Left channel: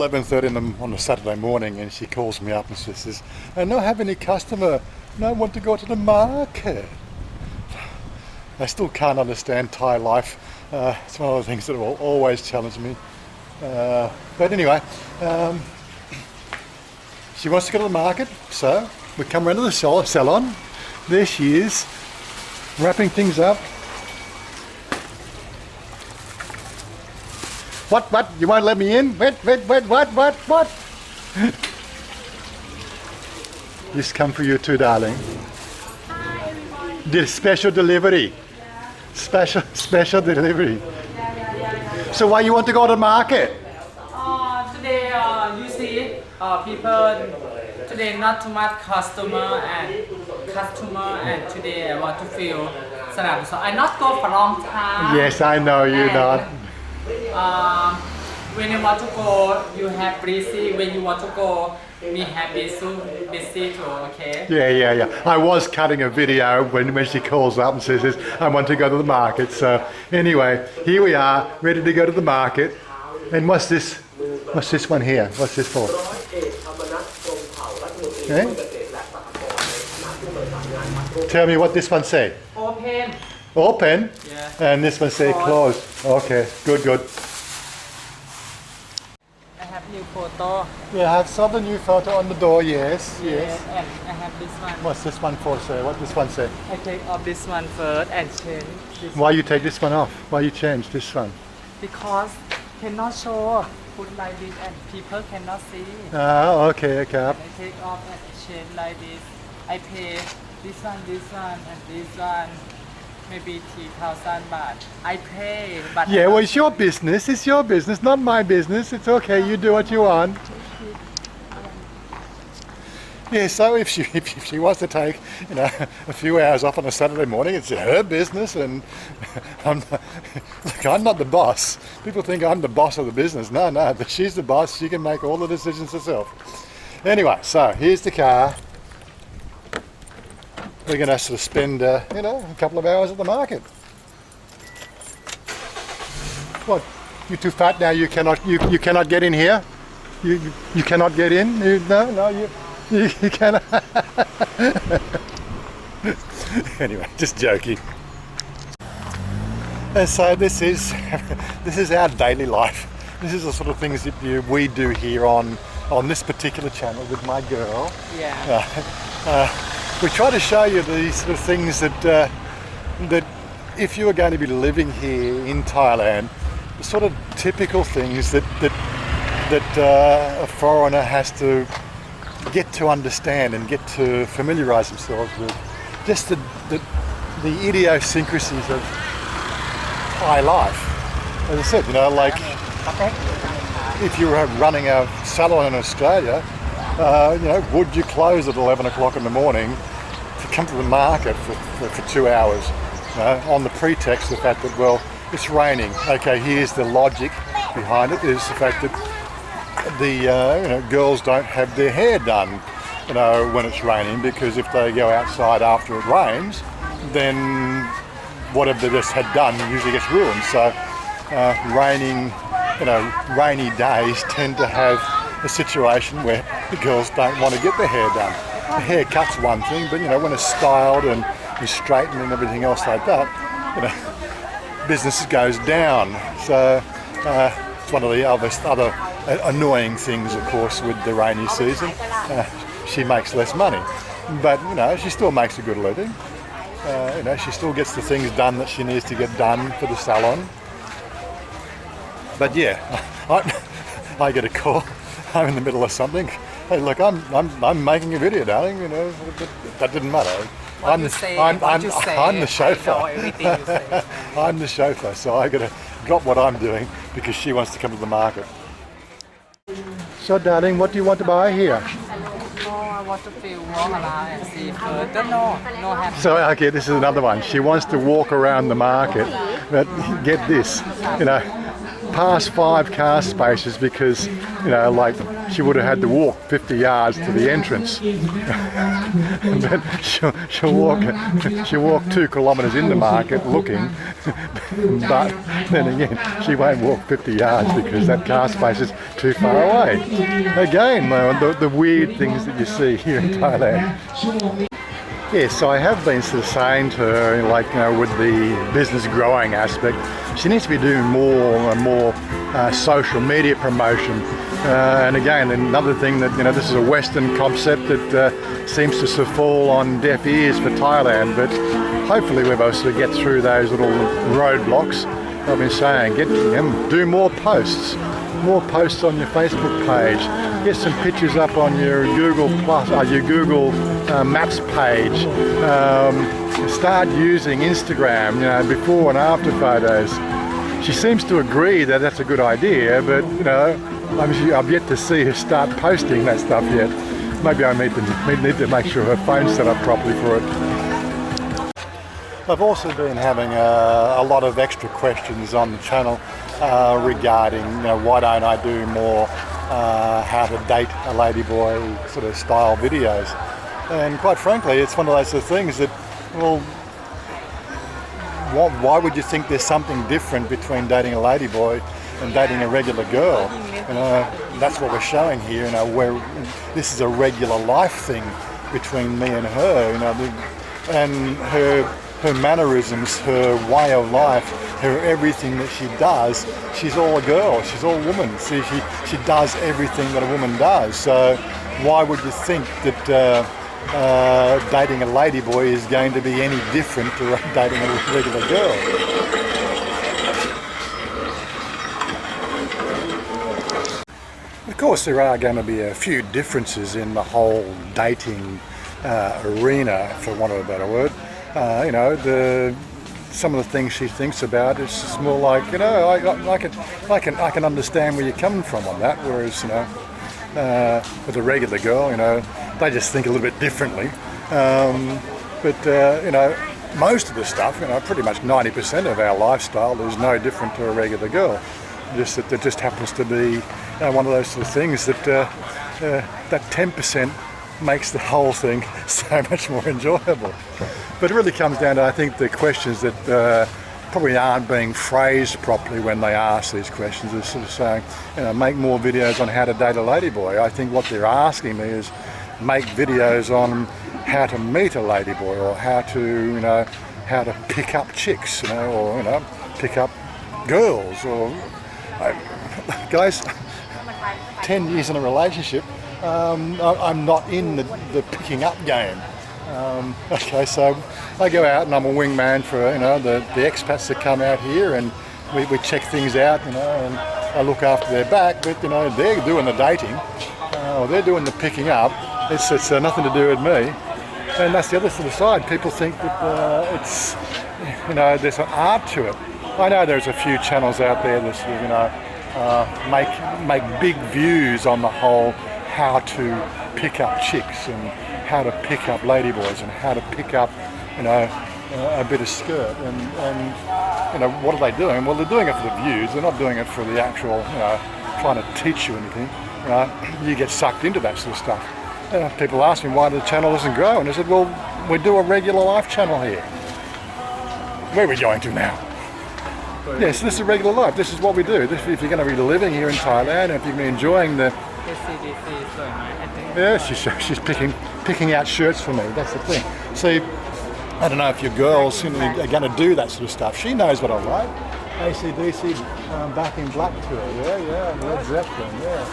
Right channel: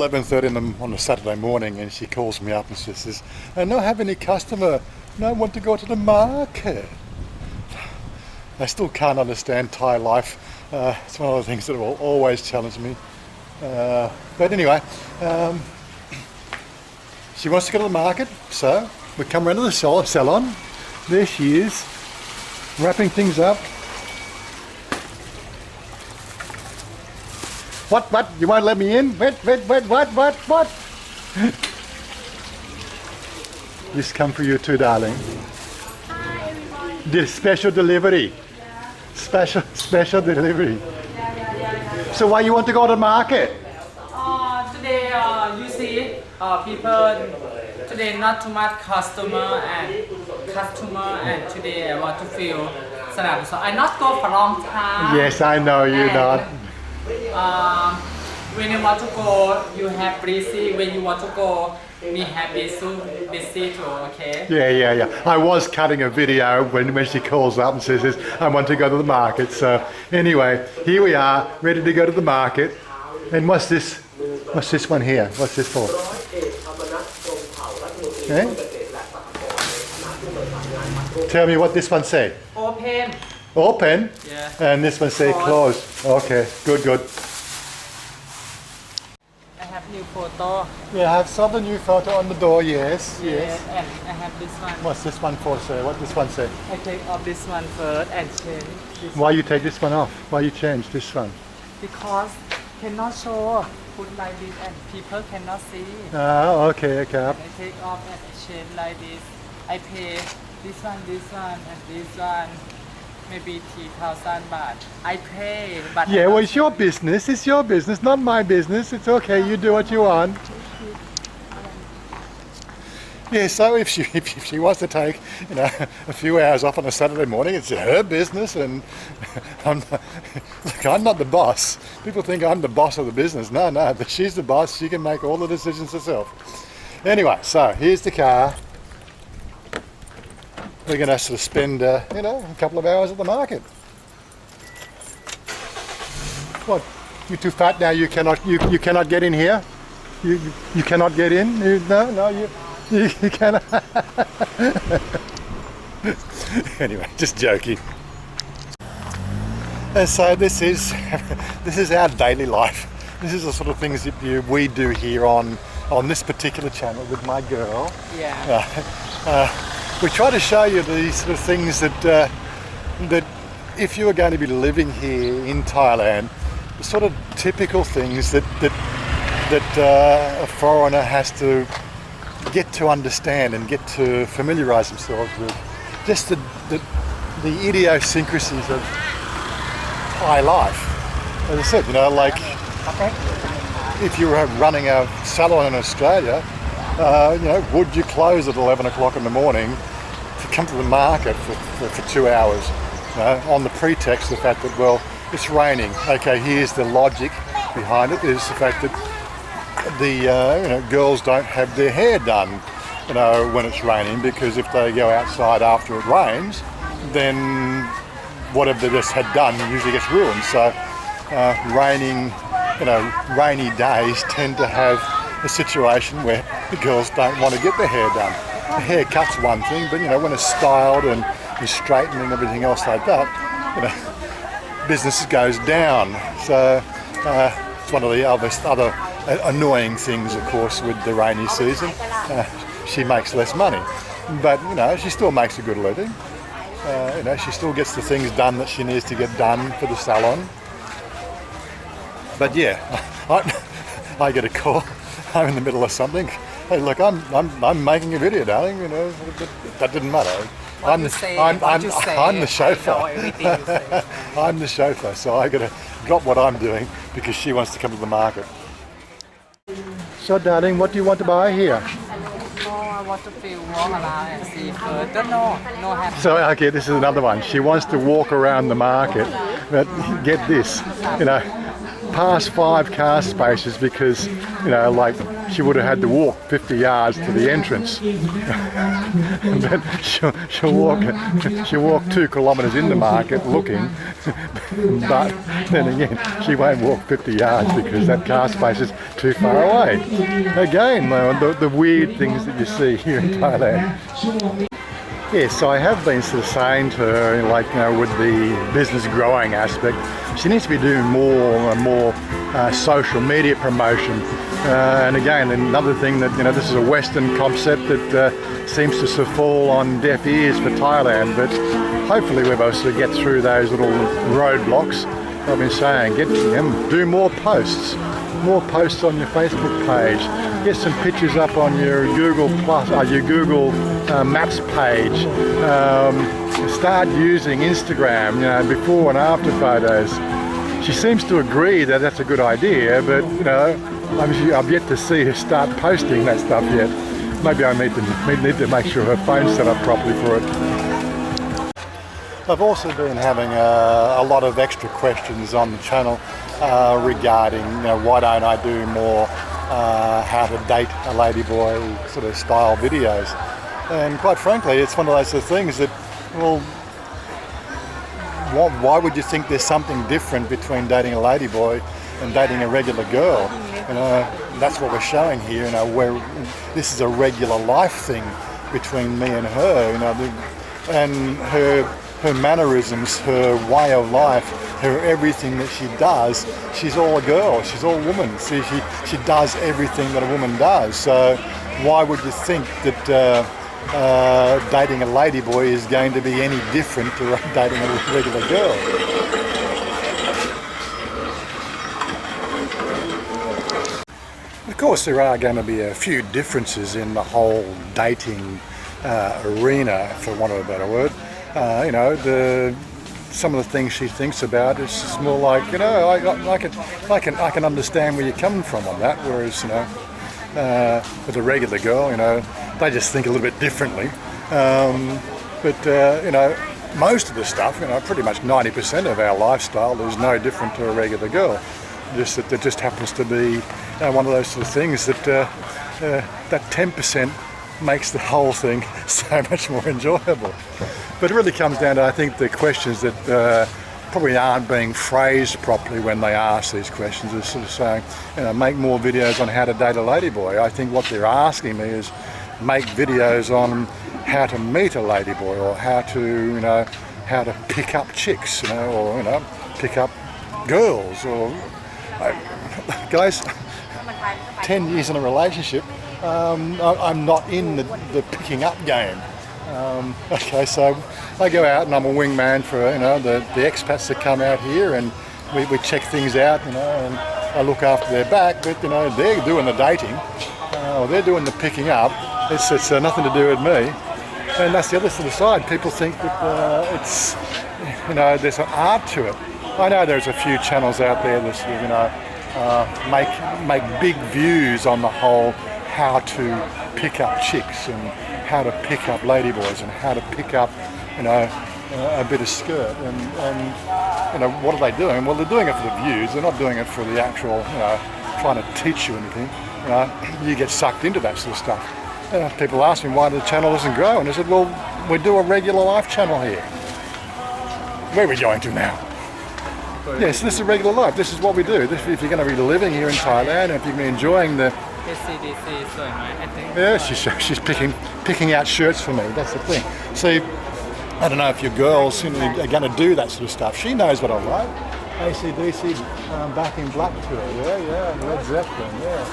11:30 on a Saturday morning, and she calls me up and she says, "I don't have any customer. No, want to go to the market." I still can't understand Thai life. It's one of the things that will always challenge me. But anyway, she wants to go to the market, so we come around to the salon. There she is, wrapping things up. What? You won't let me in? What? This come for you too, darling. Hi, everyone. The special delivery. Special delivery. So why you want to go to the market? Today, you see, people today not too much customer, and today I want to feel Salon. So I not go for a long time. Yes, I know you not. When you want to go, you have busy. When you want to go, we have busy too. Okay. Yeah. I was cutting a video when she calls up and says, "I want to go to the market." So anyway, here we are, ready to go to the market. And what's this? What's this one here? What's this for? Okay. Tell me what this one say. Open. Open? Yes. And this one say close. Okay, good. I have new photo. Yeah, I have saw the new photo on the door, yes. And I have this one. What's this one for, sir? What this one say? I take off this one first and change this Why you take this one off? Why you change this one? because cannot show. Put like this and people cannot see. Ah, okay. I take off and change like this. I pay this one, and this one, maybe 3,000 baht. I pay, but Yeah, well, it's your business. It's your business, not my business. It's okay. You do what you want. Yeah, so if she wants to take, a few hours off on a Saturday morning, it's her business, and I'm not the boss. People think I'm the boss of the business. No, she's the boss. She can make all the decisions herself. Anyway, so here's the car. We're going to sort of spend, a couple of hours at the market. What? You too fat now? You cannot get in here. You cannot get in. You cannot. Anyway, just joking. And so this is our daily life. This is the sort of things that we do here on this particular channel with my girl. yeah. We try to show you these sort of things that if you are going to be living here in Thailand, the sort of typical things that a foreigner has to get to understand and get to familiarise themselves with, just the idiosyncrasies of Thai life. As I said, like if you were running a salon in Australia, would you close at 11 o'clock in the morning to come to the market for 2 hours on the pretext of the fact that, well, it's raining. Okay, here's the logic behind it, is the fact that the girls don't have their hair done when it's raining, because if they go outside after it rains, then whatever they just had done usually gets ruined. So rainy days tend to have a situation where the girls don't want to get their hair done. The haircut's one thing, but when it's styled and straightened and everything else like that, business goes down. So it's one of the other annoying things, of course, with the rainy season. She makes less money, but she still makes a good living. She still gets the things done that she needs to get done for the salon. But yeah, I get a call. I'm in the middle of something. Hey, look, I'm making a video, darling. That didn't matter. I'm the chauffeur. I'm the chauffeur, so I got to drop what I'm doing because she wants to come to the market. So, darling, what do you want to buy here? I want to feel walk around and see food. No happy. So, okay, this is another one. She wants to walk around the market, but get this, past 5 car spaces because, you know, like she would have had to walk 50 yards to the entrance. But she'll walk 2 kilometres in the market looking, but then again, she won't walk 50 yards because that car space is too far away. Again, the weird things that you see here in Thailand. Yes, I have been sort of saying to her, like, you know, with the business growing aspect, she needs to be doing more and more social media promotion. And again, another thing that, you know, this is a Western concept that seems to sort of fall on deaf ears for Thailand, but hopefully we'll be able to get through those little roadblocks. I've been saying, do more posts on your Facebook page. Get some pictures up on your Google Maps page. Start using Instagram, you know, before and after photos. She seems to agree that that's a good idea, but, you know, I've yet to see her start posting that stuff yet. Maybe I need to make sure her phone's set up properly for it. I've also been having a lot of extra questions on the channel regarding, you know, why don't I do more how to date a ladyboy sort of style videos. And quite frankly, it's one of those things that, well, why would you think there's something different between dating a ladyboy and dating a regular girl? You know, that's what we're showing here. You know, where this is a regular life thing between me and her. You know, and her mannerisms, her way of life, her everything that she does, she's all a girl, she's all woman. See, she does everything that a woman does. So why would you think that dating a ladyboy is going to be any different to dating a regular girl? Of course, there are going to be a few differences in the whole dating arena, for want of a better word. You know, some of the things she thinks about, it's just more like, you know, I can understand where you're coming from on that. Whereas, you know, with a regular girl, you know, they just think a little bit differently. But you know, most of the stuff, you know, pretty much 90% of our lifestyle is no different to a regular girl. Just that it just happens to be one of those sort of things that that 10% makes the whole thing so much more enjoyable. But it really comes down to, I think, the questions that probably aren't being phrased properly when they ask these questions. Is sort of saying, you know, make more videos on how to date a ladyboy. I think what they're asking me is make videos on how to meet a ladyboy, or how to, you know, how to pick up chicks, you know, or, you know, pick up girls, or guys, 10 years in a relationship, I'm not in the picking up game. Okay, so I go out and I'm a wingman for, you know, the expats that come out here, and we check things out, you know, and I look after their back, but, you know, they're doing the dating, or they're doing the picking up. It's nothing to do with me. And that's the other sort of side. People think that it's, you know, there's an art to it. I know there's a few channels out there that, you know, make big views on the whole how to pick up chicks and how to pick up ladyboys and how to pick up, you know, a bit of skirt. And you know, what are they doing? Well, they're doing it for the views. They're not doing it for the actual, you know, trying to teach you anything. You know, you get sucked into that sort of stuff. People ask me why the channel doesn't grow, and I said, well, we do a regular life channel here. Where are we going to now? Yes, this is regular life. This is what we do. If you're going to be living here in Thailand, and if you're going to be enjoying the... Yeah, she's picking out shirts for me. That's the thing. See, I don't know if your girls, you know, are going to do that sort of stuff. She knows what I like. AC/DC, Back in Black tour. Yeah, Led Zeppelin. Yeah.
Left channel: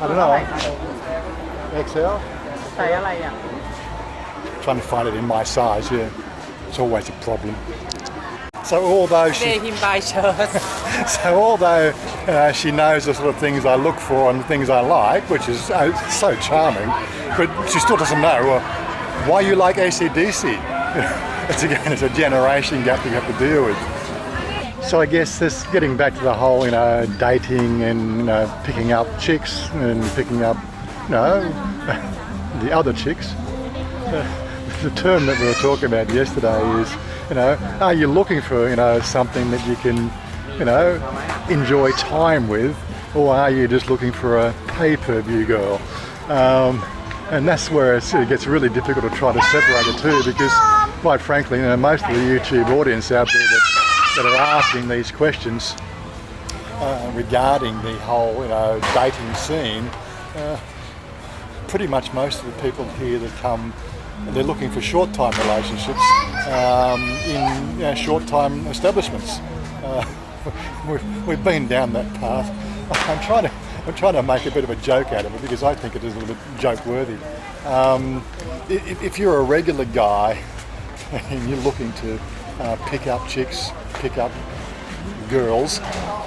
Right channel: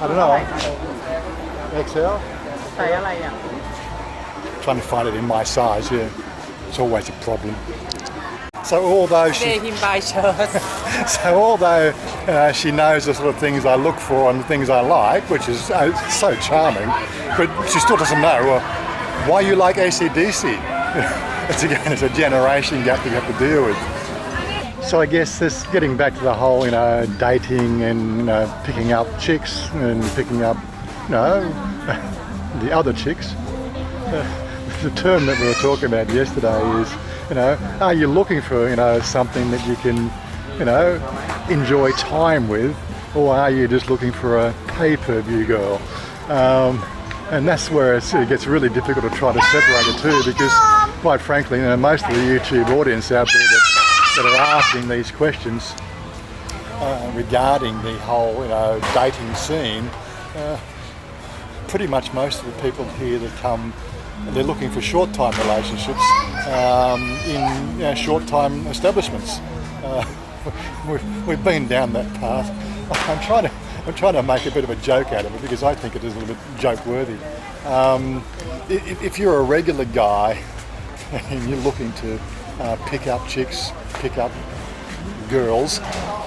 I don't know. XL. Trying to find it in my size. Yeah, it's always a problem. So although she knows the sort of things I look for and the things I like, which is so charming, but she still doesn't know why you like AC/DC. It's a generation gap you have to deal with. So I guess this, getting back to the whole, you know, dating and, you know, picking up chicks and picking up, you know, the other chicks. The term that we were talking about yesterday is, you know, are you looking for, you know, something that you can, you know, enjoy time with, or are you just looking for a pay-per-view girl? And that's where it gets really difficult to try to separate the two, because quite frankly, you know, most of the YouTube audience out there that are asking these questions regarding the whole, you know, dating scene, pretty much most of the people here that come, they're looking for short-time relationships in, you know, short-time establishments. We've been down that path. I'm trying to make a bit of a joke out of it, because I think it is a little bit joke-worthy. If you're a regular guy and you're looking to pick up chicks, pick up girls,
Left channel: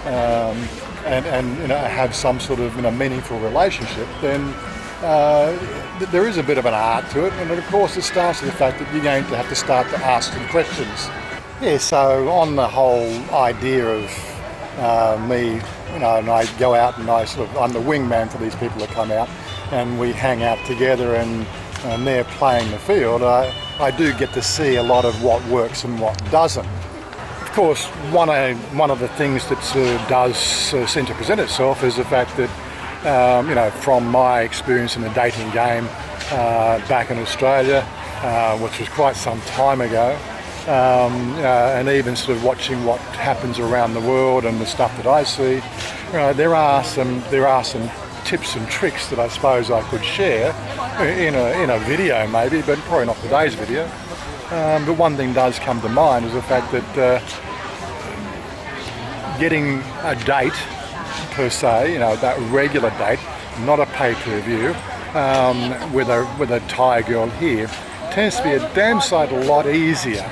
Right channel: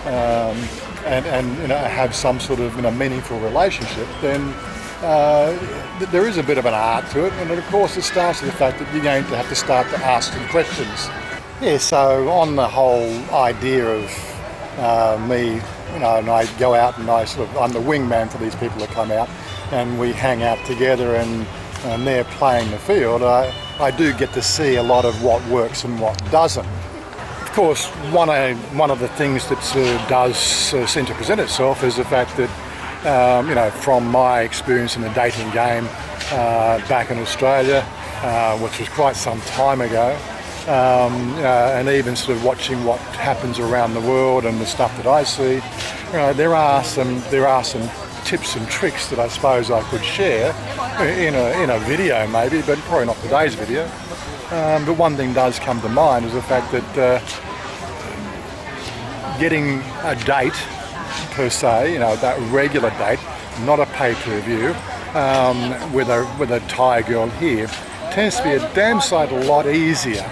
and you know, have some sort of, you know, meaningful relationship, then there is a bit of an art to it, and of course it starts with the fact that you're going to have to start to ask some questions. Yeah, so on the whole idea of me, you know, and I go out and I'm the wingman for these people that come out, and we hang out together, and they're playing the field. I do get to see a lot of what works and what doesn't. Of course, one of the things that does seem to present itself is the fact that, you know, from my experience in the dating game back in Australia, which was quite some time ago, and even sort of watching what happens around the world and the stuff that I see, you know, there are some tips and tricks that I suppose I could share in a video maybe, but probably not today's video. But one thing does come to mind is the fact that getting a date per se, you know, that regular date, not a pay-per-view, with a Thai girl here, tends to be a damn sight a lot easier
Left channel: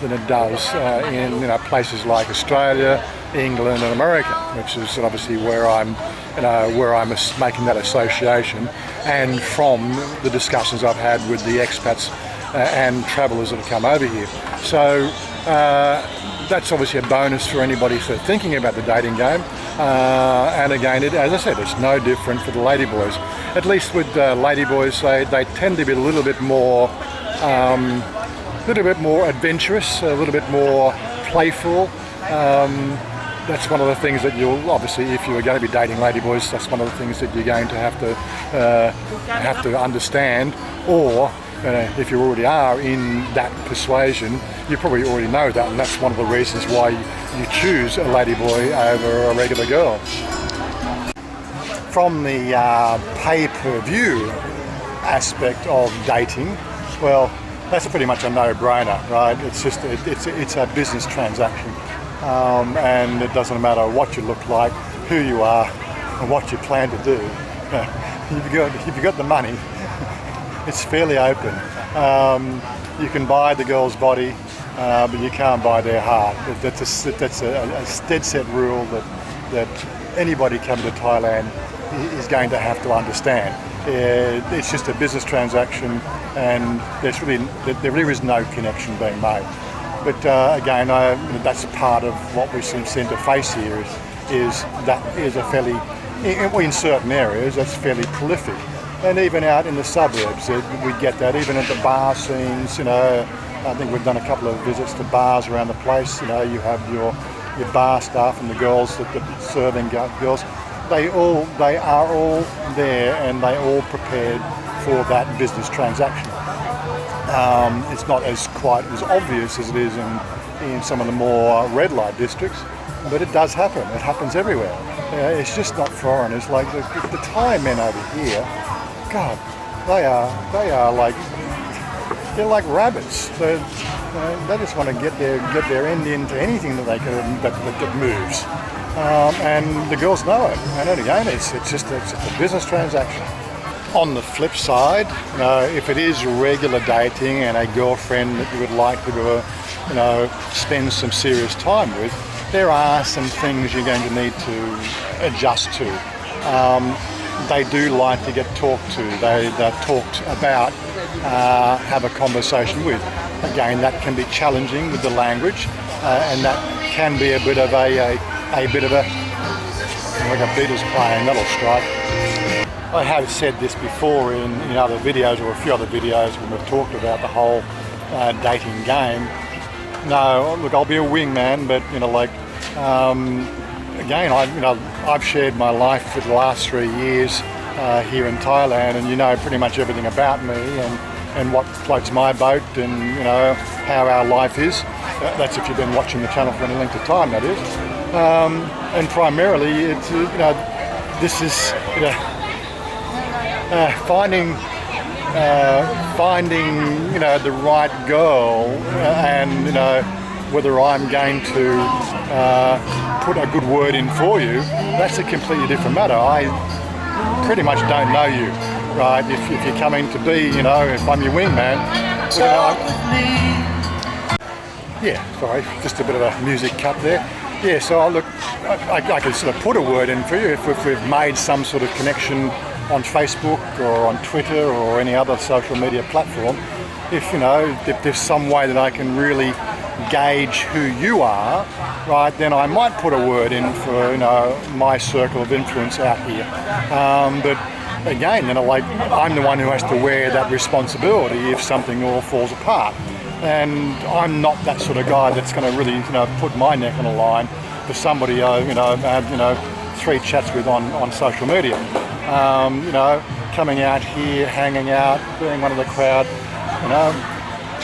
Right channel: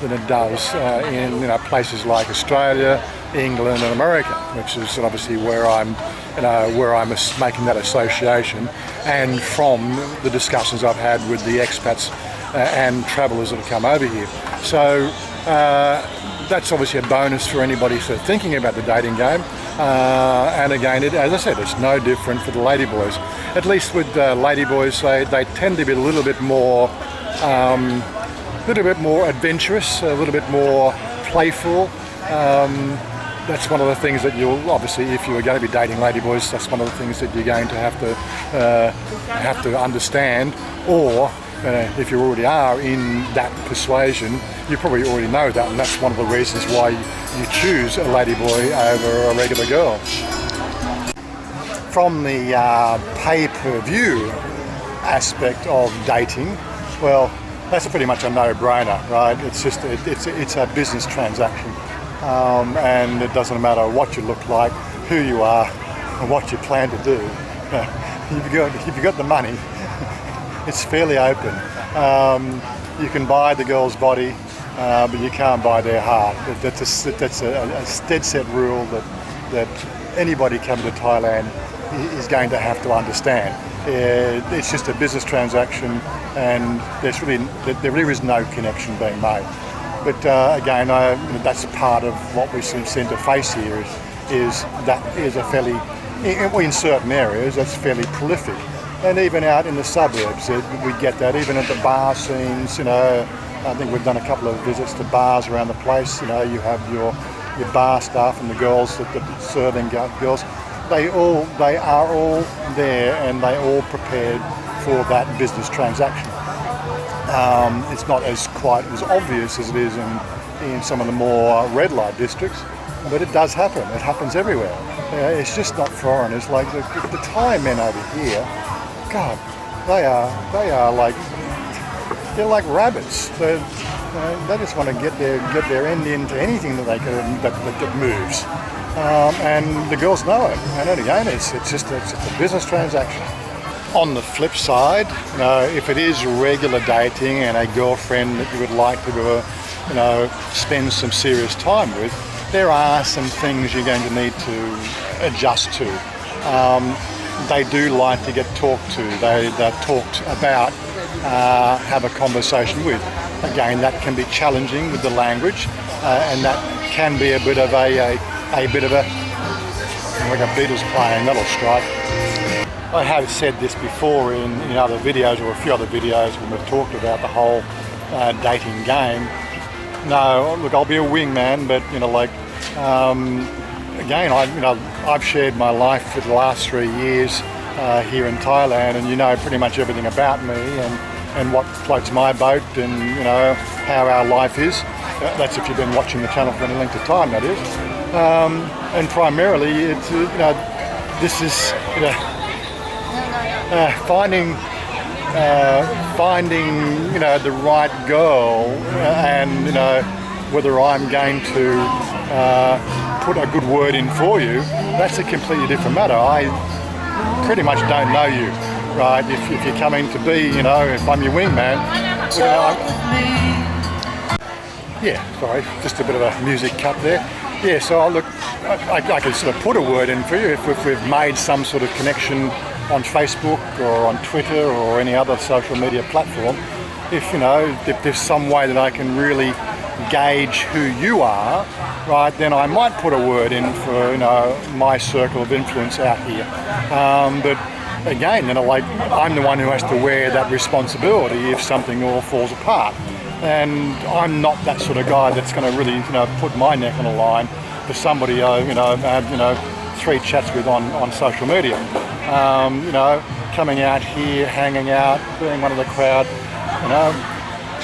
than it does in, you know, places like Australia, England and America, which is obviously where I'm making that association, and from the discussions I've had with the expats and travellers that have come over here. So that's obviously a bonus for anybody sort of thinking about the dating game. And again, as I said, it's no different for the Ladyboys. At least with Ladyboys, they tend to be a little bit more adventurous, a little bit more playful. That's one of the things that you'll obviously, if you're going to be dating Ladyboys, that's one of the things that you're going to have to understand. Or if you already are in that persuasion, you probably already know that, and that's one of the reasons why you choose a Ladyboy over a regular girl. From the pay-per-view aspect of dating, well, that's pretty much a no-brainer, right? It's just it's a business transaction, and it doesn't matter what you look like, who you are, and what you plan to do. If you've got the money, it's fairly open. You can buy the girl's body, but you can't buy their heart. That's a dead set rule that anybody coming to Thailand is going to have to understand. It's just a business transaction, and there really is no connection being made. But again, that's part of what we seem to face here is that is a fairly, in certain areas, that's fairly prolific. And even out in the suburbs, we get that. Even at the bar scenes, you know, I think we've done a couple of visits to bars around the place. You know, you have your bar staff and the girls, the serving girls. They are all there, and they all prepared for that business transaction. It's not quite as obvious as it is in some of the more red light districts, but it does happen. It happens everywhere. It's just not foreigners. Like the Thai men over here, God, they're like rabbits. They just want to get their end into anything that they can that moves. And the girls know it. And then again, it's just a business transaction. On the flip side, if it is regular dating and a girlfriend that you would like to spend some serious time with, there are some things you're going to need to adjust to. They do like to get talked to. They're talked about, have a conversation with. Again, that can be challenging with the language, and that can be a bit of a like a Beatles playing, that'll strike. I have said this before in other videos, or a few other videos when we've talked about the whole dating game. No, look, I'll be a wingman, but again, I've shared my life for the last 3 years here in Thailand, and you know pretty much everything about me and what floats my boat, and you know how our life is. That's if you've been watching the channel for any length of time, that is. And primarily, it's this is finding the right girl, and whether I'm going to put a good word in for you. That's a completely different matter. I pretty much don't know you, right? If you're coming to be, if I'm your wingman, yeah, sorry, just a bit of a music cut there. Yeah, so look, I can sort of put a word in for you if we've made some sort of connection on Facebook or on Twitter or any other social media platform. If there's some way that I can really gauge who you are, right, then I might put a word in for my circle of influence out here. But again, I'm the one who has to wear that responsibility if something all falls apart. And I'm not that sort of guy that's going to really, put my neck on the line for somebody, I've had, 3 chats with on social media. Coming out here, hanging out, being one of the crowd,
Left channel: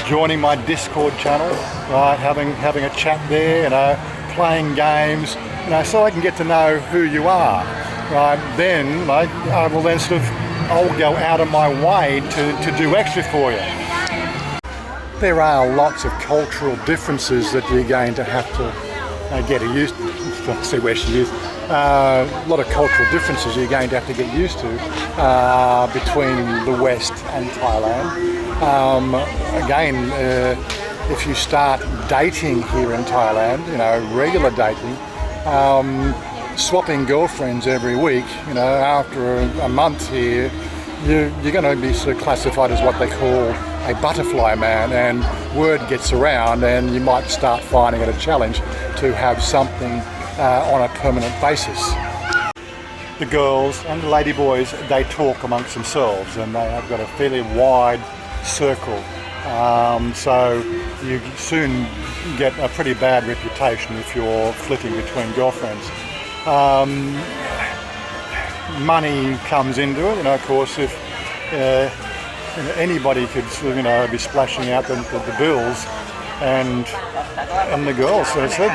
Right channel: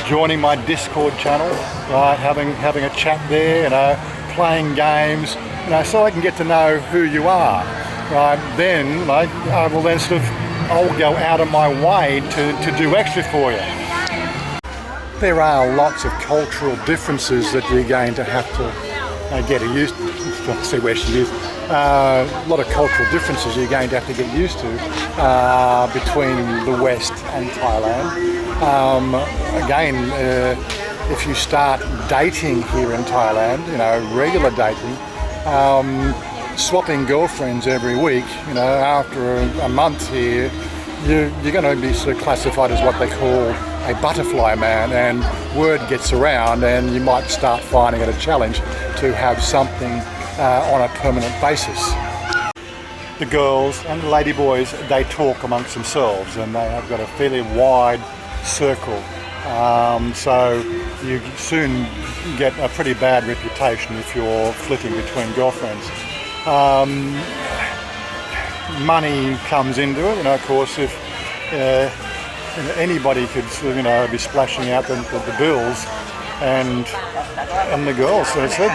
joining my Discord channel, right, having a chat there, playing games, so I can get to know who you are, right. Then I will then I'll go out of my way to do extra for you. There are lots of cultural differences that you're going to have to get used to. See where she is. A lot of cultural differences you're going to have to get used to between the West and Thailand. Again, if you start dating here in Thailand, regular dating, swapping girlfriends every week, after a month here, you're going to be sort of classified as what they call a butterfly man, and word gets around and you might start finding it a challenge to have something on a permanent basis. The girls and the ladyboys, they talk amongst themselves, and they have got a fairly wide circle, so you soon get a pretty bad reputation if you're flitting between girlfriends. Money comes into it, of course, if anybody could be splashing out the bills, and the girls, so I said,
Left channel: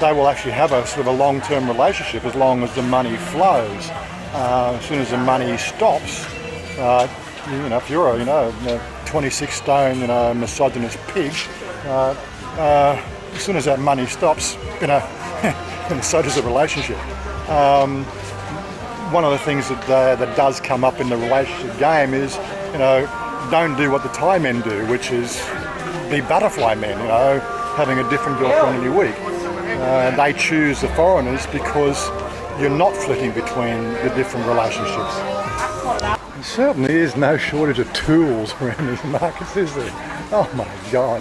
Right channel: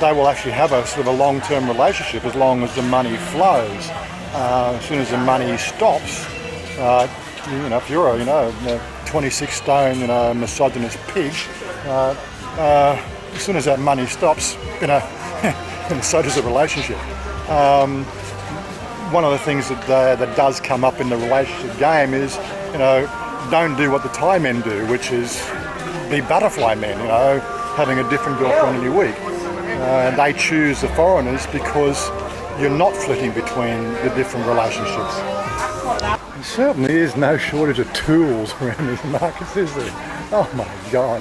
they will actually have a sort of a long-term relationship as long as the money flows. As soon as the money stops, if you're a 26 stone misogynist pig, as soon as that money stops, so does the relationship. One of the things that does come up in the relationship game is, don't do what the Thai men do, which is be butterfly men, having a different girlfriend every week. They choose the foreigners because you're not flitting between the different relationships. There certainly is no shortage of tools around these markets, is there? Oh my God.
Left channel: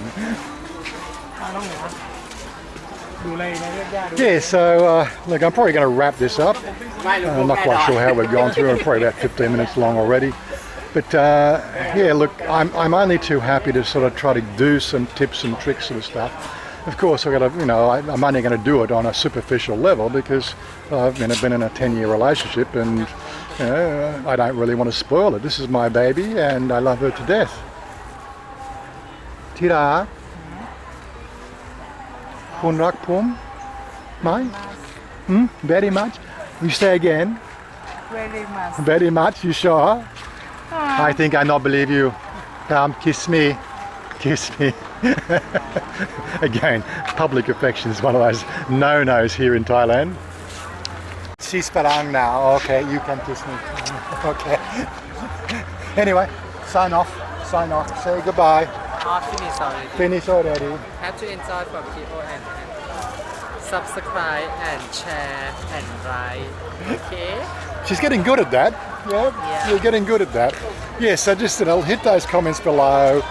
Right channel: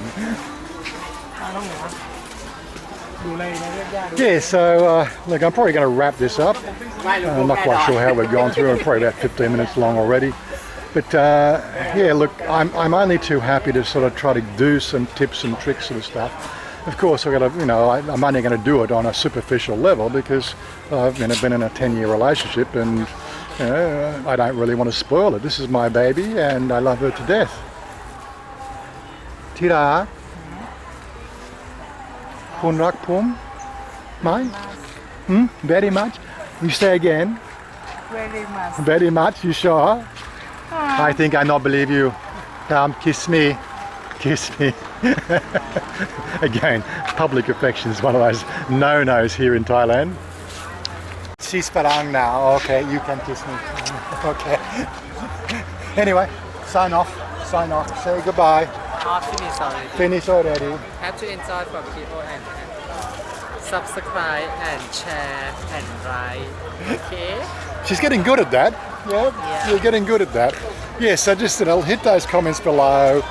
Yeah, so look, I'm probably going to wrap this up. I'm not quite sure how we've gone through. I'm probably about 15 minutes long already. But yeah, look, I'm only too happy to sort of try to do some tips and tricks sort of stuff. Of course, I'm only going to do it on a superficial level because I've been in a 10-year relationship, and I don't really want to spoil it. This is my baby, and I love her to death. Tira, kun rak pum, mai, very much. You say again. Very much. Very much. You sure? I think I not believe you. Kiss me. Kiss me. Again, public affection is one of those no-nos here in Thailand. She's parang now. Okay, you can kiss me. Okay. Anyway, sign off. Say goodbye. Finish already. Finish already. Have to enjoy for people and subscribe and share and like. Okay. She's getting good at that. Yeah. You're getting good at that. Yeah, so just hit those comments below.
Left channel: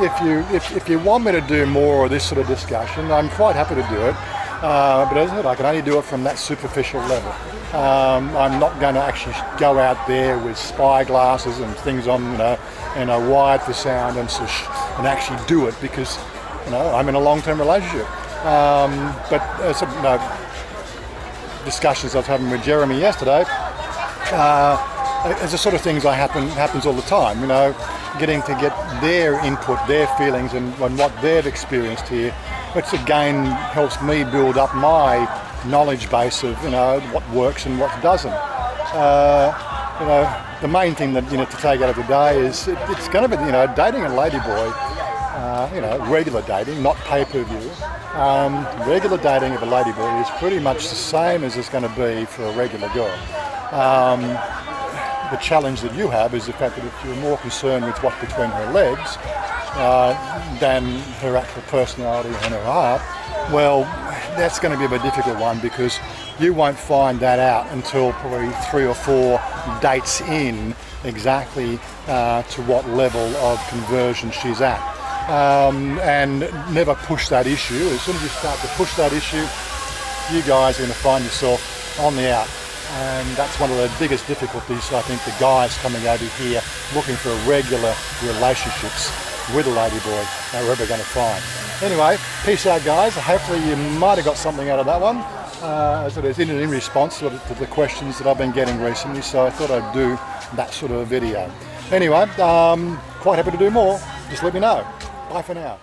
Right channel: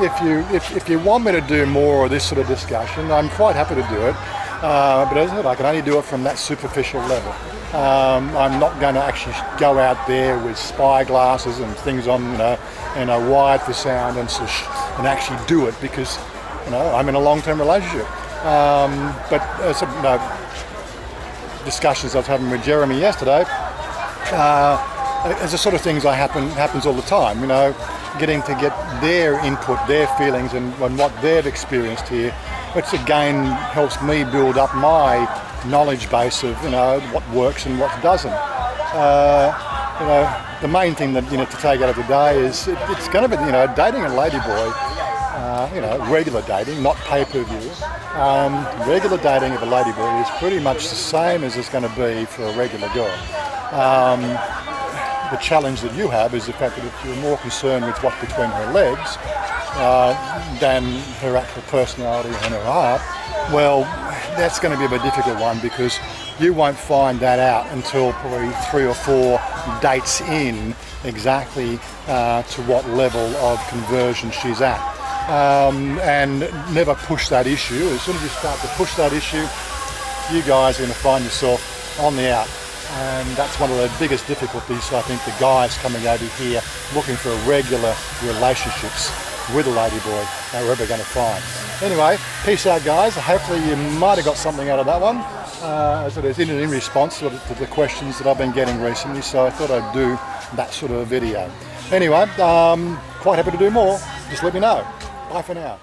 If you want me to do more of this sort of discussion, I'm quite happy to do it. But as I said, I can only do it from that superficial level. I'm not going to actually go out there with spy glasses and things on, wired for sound and actually do it because, I'm in a long-term relationship. But discussions I was having with Jeremy yesterday, it's the sort of things happens all the time, you know, getting to get their input, their feelings and what they've experienced here, which again helps me build up my knowledge base of, you know, what works and what doesn't. You know, the main thing that, you know, to take out of today is it's going to be, you know, dating a ladyboy, you know, regular dating, not pay-per-view. Regular dating of a ladyboy is pretty much the same as it's going to be for a regular girl. The challenge that you have is the fact that if you're more concerned with what's between her legs than her actual personality and her heart, well, that's going to be a bit difficult one, because you won't find that out until probably 3 or 4 dates in exactly to what level of conversion she's at. And never push that issue. As soon as you start to push that issue, you guys are going to find yourself on the out. And that's one of the biggest difficulties, I think, the guys coming over here looking for regular relationships with a ladyboy are ever going to find. Anyway, peace out, guys. Hopefully you might have got something out of that one, as it is in response to the questions that I've been getting recently, so I thought I'd do that sort of a video. Anyway, quite happy to do more. Just let me know. Bye for now.